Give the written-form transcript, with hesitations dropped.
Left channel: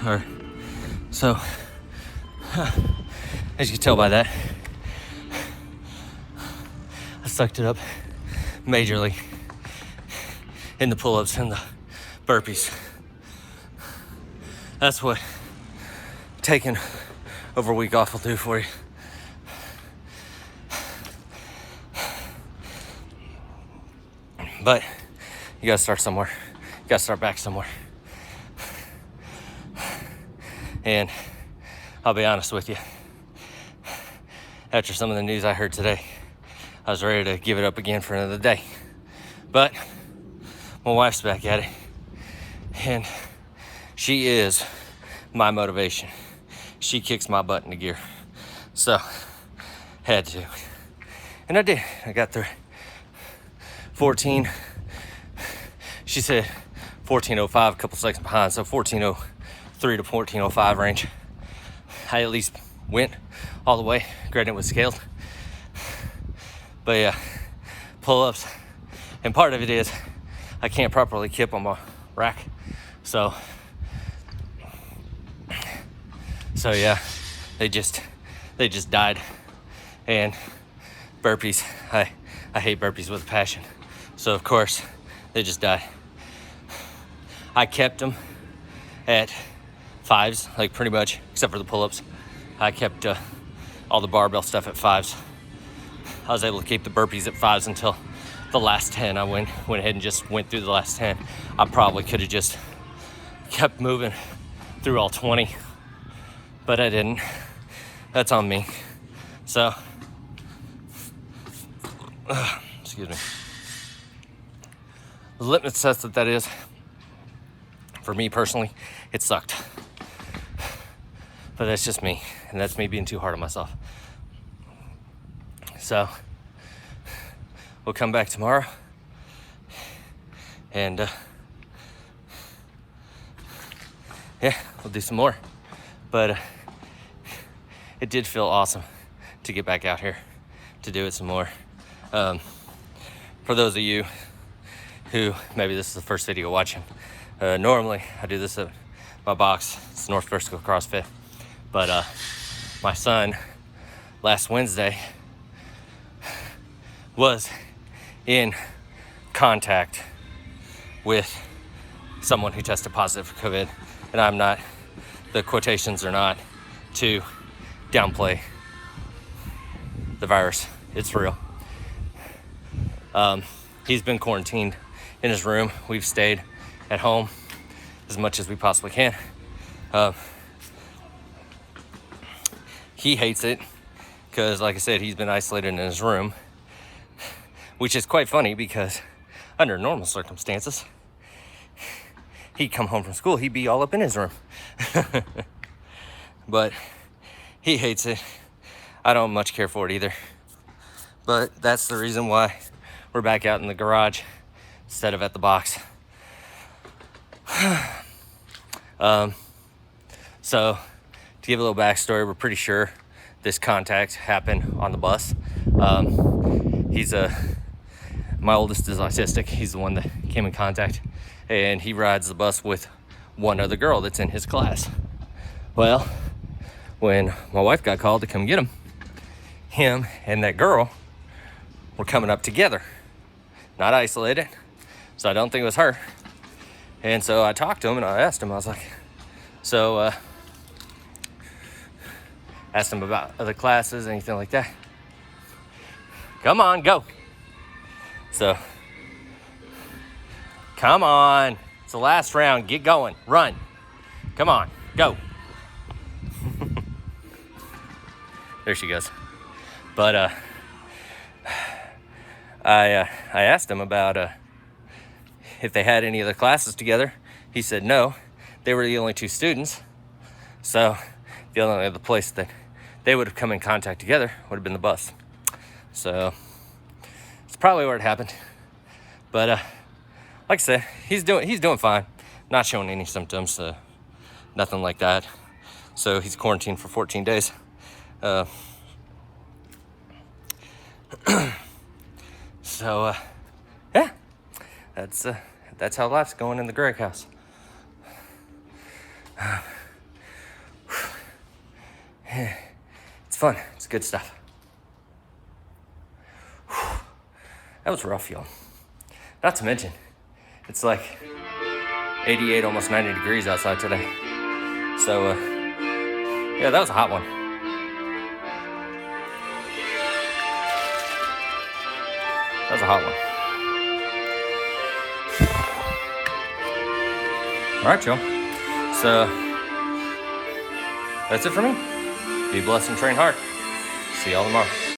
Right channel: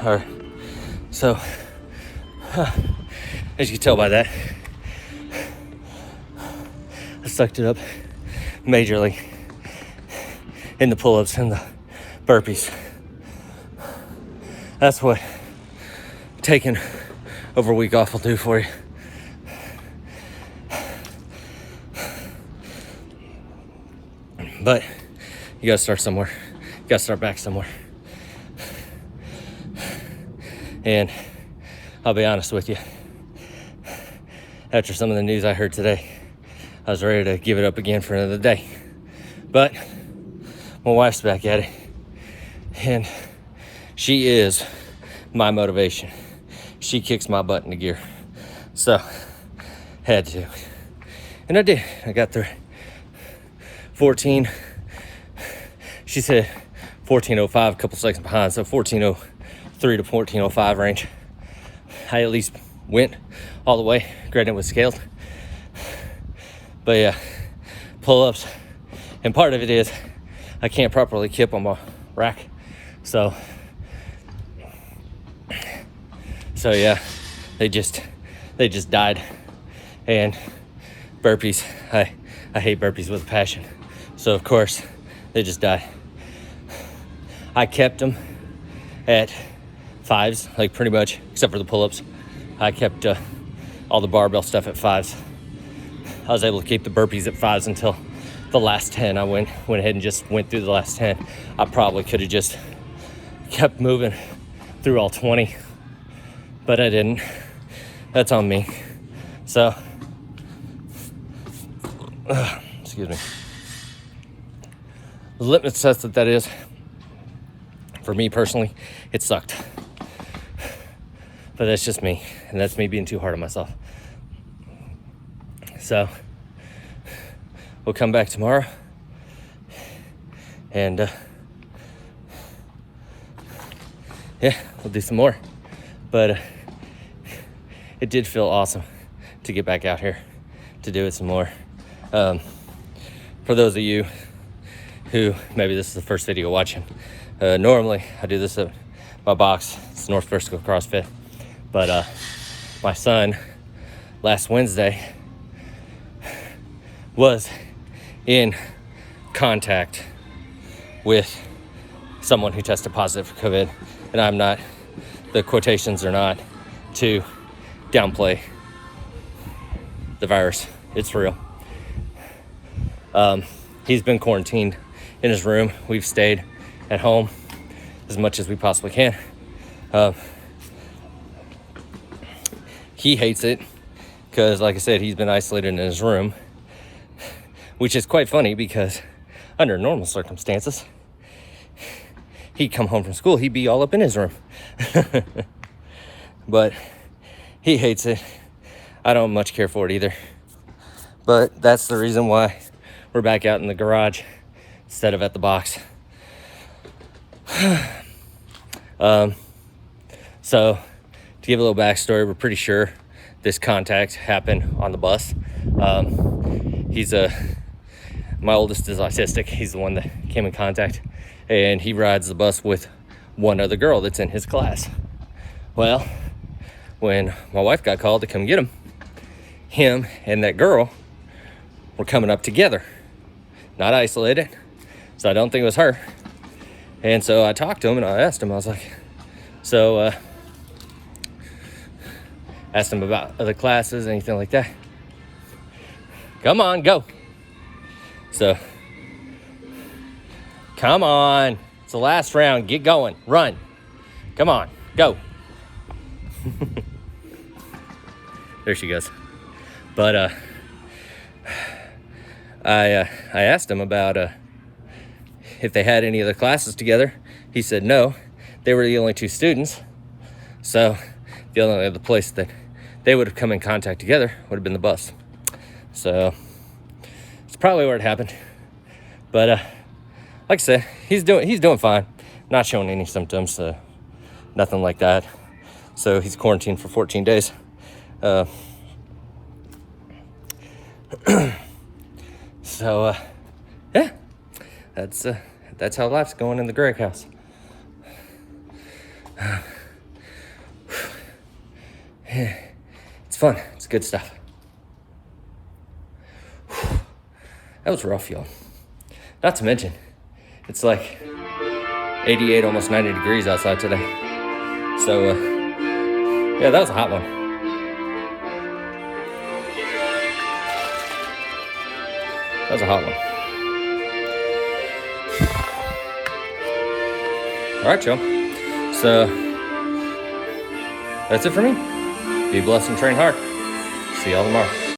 All right, so as you can tell by that, I sucked it up majorly in the pull-ups and the burpees. That's what taking over a week off will do for you. But you gotta start somewhere. You gotta start back somewhere. And I'll be honest with you, after some of the news I heard today, I was ready to give it up again for another day. But my wife's back at it, and she is my motivation. She kicks my butt into gear. So, had to. And I did. I got through 14. She said 14:05, a couple seconds behind, so 14:03 to 14:05 range. I at least went all the way. Granted, it was scaled. But yeah, pull-ups. And part of it is I can't properly kip on my rack. So yeah, they just died. And burpees, I hate burpees with a passion. So of course, they just died. I kept them at 5s, like pretty much, except for the pull-ups. I kept all the barbell stuff at 5s. I was able to keep the burpees at 5s until the last 10. I went ahead and just went through the last 10. I probably could have just kept moving through all 20, but I didn't. That's on me. So, excuse me. The litmus test that is, for me personally, it sucked. But that's just me, and that's me being too hard on myself. So, we'll come back tomorrow, and yeah, we'll do some more. But it did feel awesome to get back out here to do it some more. For those of you who maybe this is the first video watching, normally I do this at my box. It's North Vertical CrossFit. But my son last Wednesday was in contact with someone who tested positive for COVID. And I'm not, the quotations are not to downplay the virus. It's real. He's been quarantined in his room. We've stayed at home as much as we possibly can. He hates it because, like I said, he's been isolated in his room, which is quite funny because under normal circumstances, he'd come home from school, he'd be all up in his room. But he hates it. I don't much care for it either. But that's the reason why we're back out in the garage instead of at the box. So, to give a little backstory, we're pretty sure this contact happened on the bus. My oldest is autistic. He's the one that came in contact, and he rides the bus with one other girl that's in his class. Well, when my wife got called to come get him and that girl were coming up together, not isolated. So I don't think it was her. And so I talked to him and I asked him, I was like, asked him about other classes, anything like that. Come on, go. So, come on. It's the last round. Get going. Run. Come on. Go. There she goes. But I asked him about if they had any other classes together. He said no. They were the only two students. So the only other place that they would have come in contact together would have been the bus. So it's probably where it happened. But like I said, he's doing fine. Not showing any symptoms, nothing like that. So he's quarantined for 14 days. So, yeah, that's how life's going in the Greg house. It's fun. It's good stuff. That was rough, y'all. Not to mention, it's like 88, almost 90 degrees outside today. So, yeah, that was a hot one. That was a hot one. All right, y'all. So, that's it for me. Be blessed and train hard. See y'all tomorrow.